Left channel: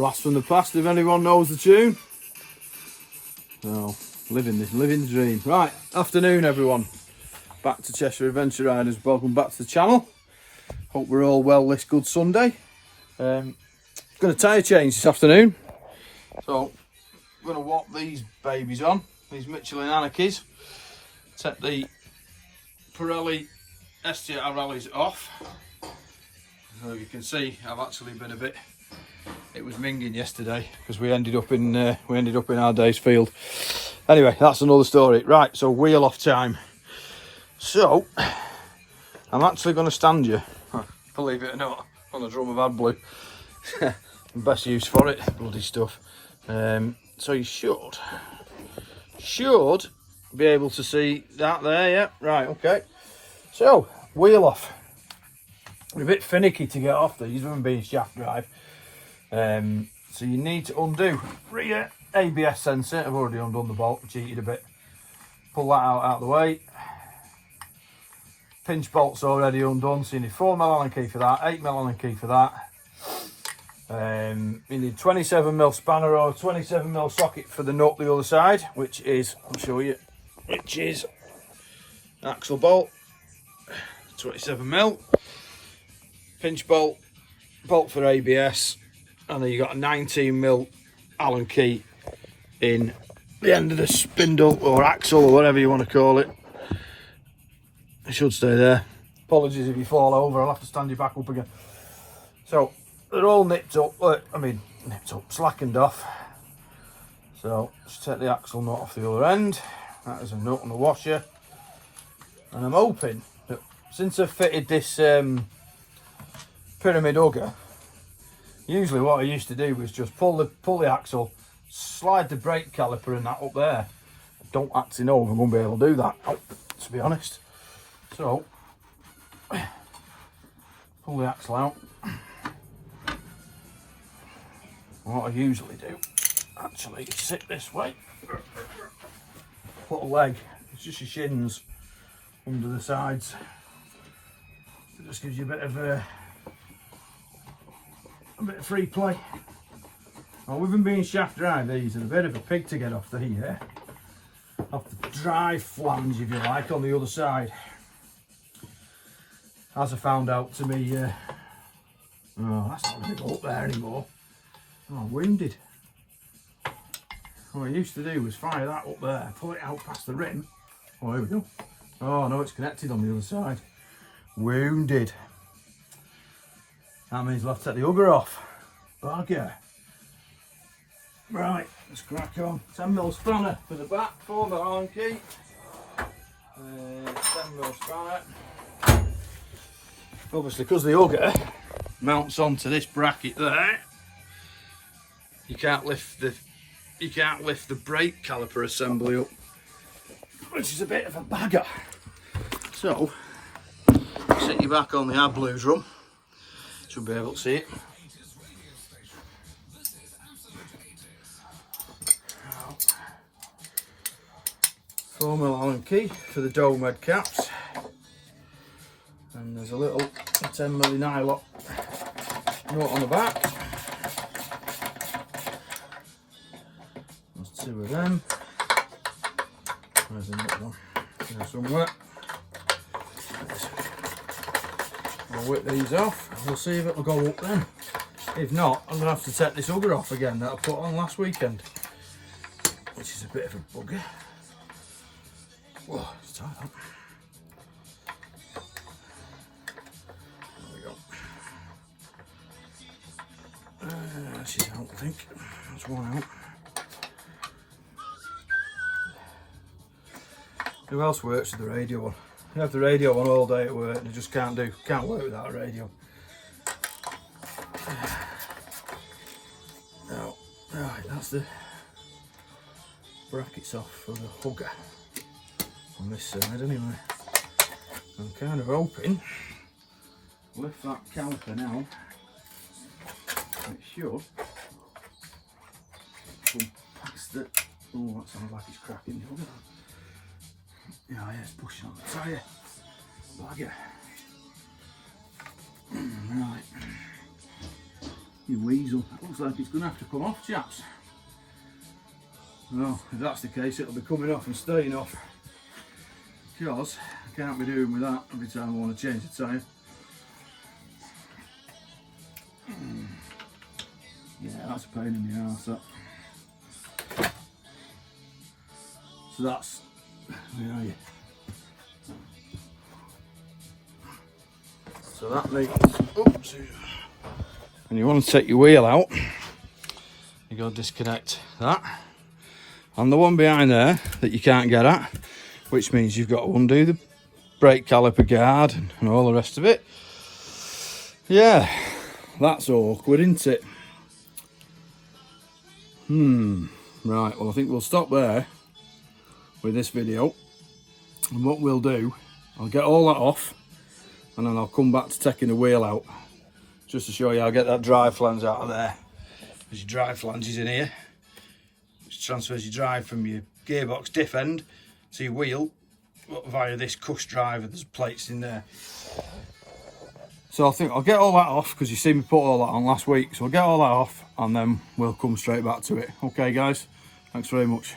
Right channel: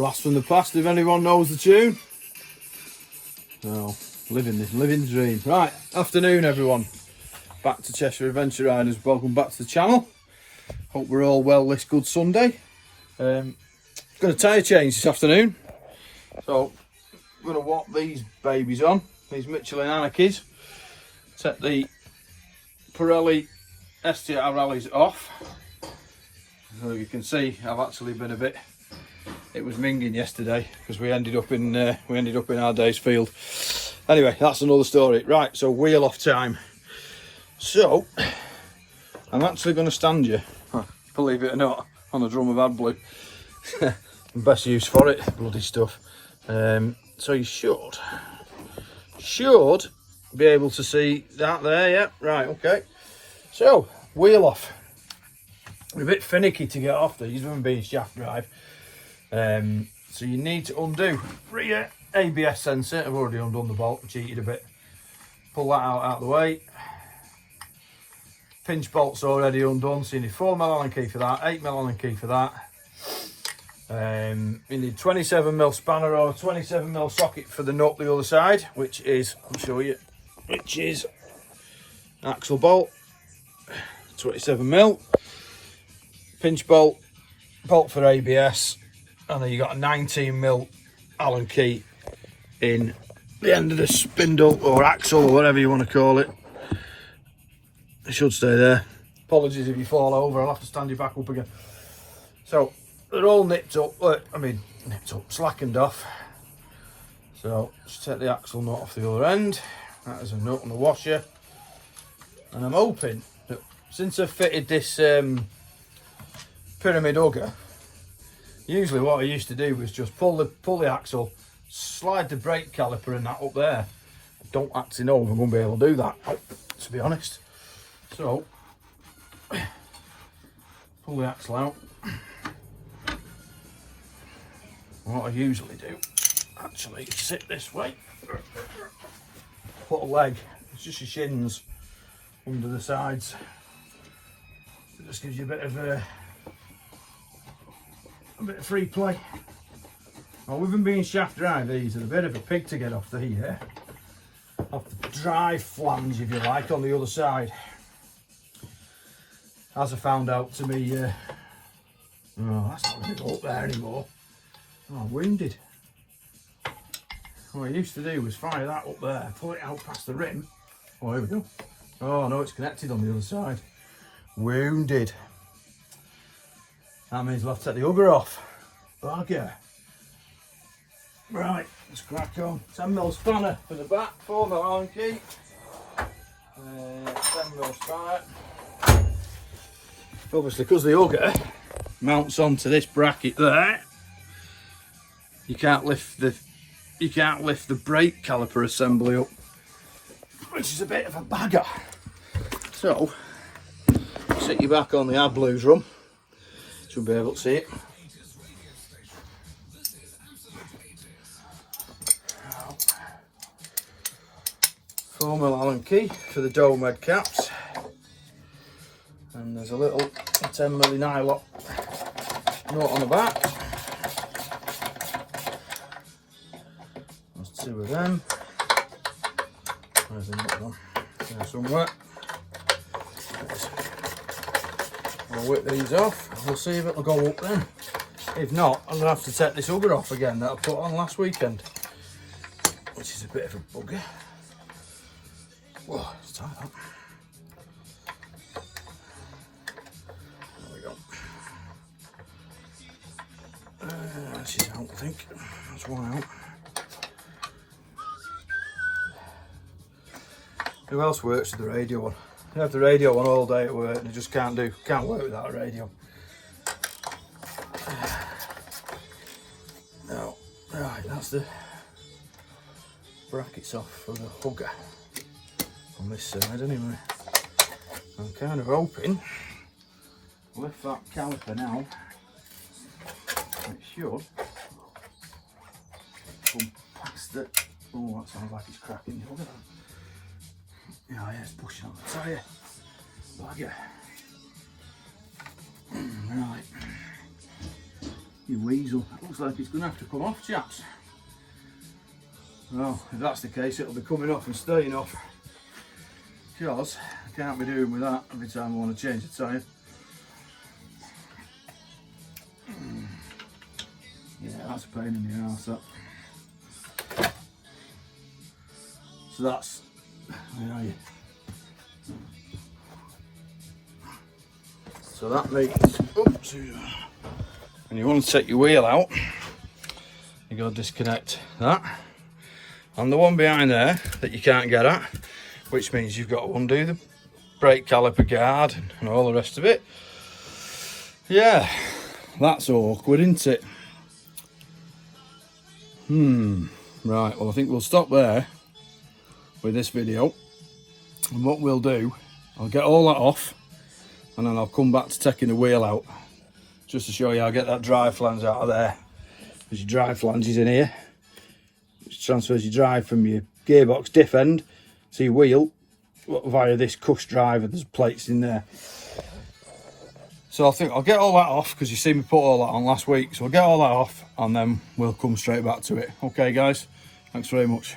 Blast from the past, if anyone knows the tune. Oh, living the dream. Right, afternoon everyone. Back to Cheshire Adventure Riders. Welcome back to the channel. Hope we're all well this good Sunday. Going to tyre change this afternoon. So, I'm going to walk these babies on. These Michelin anakees. Take the Pirelli STR rallies off. So you can see I've actually been a bit, it was minging yesterday because we ended up in our day's field. Anyway, that's another story. Right, so wheel off time. So I'm actually going to stand you, believe it or not, on a drum of AdBlue. Best use for it, bloody stuff. So you should be able to see that there. Yeah, right, okay. So wheel off. We're a bit finicky to get off these, even being shaft drive. So you need to undo rear ABS sensor. I've already undone the bolt, cheated a bit. Pull that out of the way. Pinch bolt's already undone, so you need 4mm Allen key for that, 8mm Allen key for that. You need 27mm spanner or 27mm socket for the nut the other side, which is, I'll show you, which is axle bolt, 27mm. Pinch bolt, bolt for ABS, and then you got a 19mm Allen key in the end of the spindle or axle or whatever you want to call it. It should stay there. Apologies if you fall over, I'll have to stand you back up again. So they're all nipped up, slackened off. So just take the axle nut off the other end. That is a nut and a washer. And I'm hoping that since I've fitted this pyramid hugger, usually what I used to do was just pull the axle, slide the brake caliper and that up there. I don't actually know if I'm going to be able to do that, to be honest. So pull the axle out. What I usually do actually is sit this way, put a leg, it's just your shins under the sides. It just gives you a bit of free play. Well, with them being shaft drive, these are a bit of a pig to get off the drive flange, if you like, on the other side. As I found out to me, oh, that's not going to go up there anymore. Oh, I'm wounded. What I used to do was fire that up there, pull it out past the rim. Oh, here we go. Oh no, it's connected on the other side. Wounded. That means we'll have to take the hugger off. Bugger. Right, let's crack on. 10mm spanner for the back, 4mm Allen key. 10mm spanner. Obviously, because the hugger mounts onto this bracket there, you can't lift the brake caliper assembly up, which is a bit of a bagger. So, sit you back on the AdBlue drum. Should be able to see it. Formal Allen key for the dome head caps, and there's a little 10mm nylon nut on the back. There's two of them. Where's the nut gone? There somewhere. I'll whip these off. We'll see if it'll go up then. If not, I'm going to have to take this hugger off again that I put on last weekend, which is a bit of a bugger. Whoa, it's tight up. There we go. She's out, I think. That's one out. Who else works with the radio on? You have the radio on all day at work and you just can't work without a radio. No, right, that's the brackets off for the hugger on this side anyway. I'm kind of hoping, lift that caliper now, it should come past the, oh that sounds like it's cracking the hugger. Yeah, it's pushing on the tyre. Bugger. Right. You weasel. It looks like it's going to have to come off, chaps. Well, if that's the case, it'll be coming off and staying off. Because I can't be doing with that every time I want to change the tyre. Yeah, that's a pain in the arse, that. So that's, where are you? So that makes, oops, when you want to take your wheel out, you got to disconnect that. And the one behind there that you can't get at, which means you've got to undo the brake caliper guard and all the rest of it. Yeah, that's awkward, isn't it? Right, well I think we'll stop there with this video. And what we'll do, I'll get all that off and then I'll come back to taking the wheel out. Just to show you how I get that drive flange out of there. There's your drive flanges in here. Which transfers your drive from your gearbox diff end to your wheel via this cush drive, and there's plates in there. So I think I'll get all that off because you see me put all that on last week. So I'll get all that off and then we'll come straight back to it. Okay guys, thanks very much.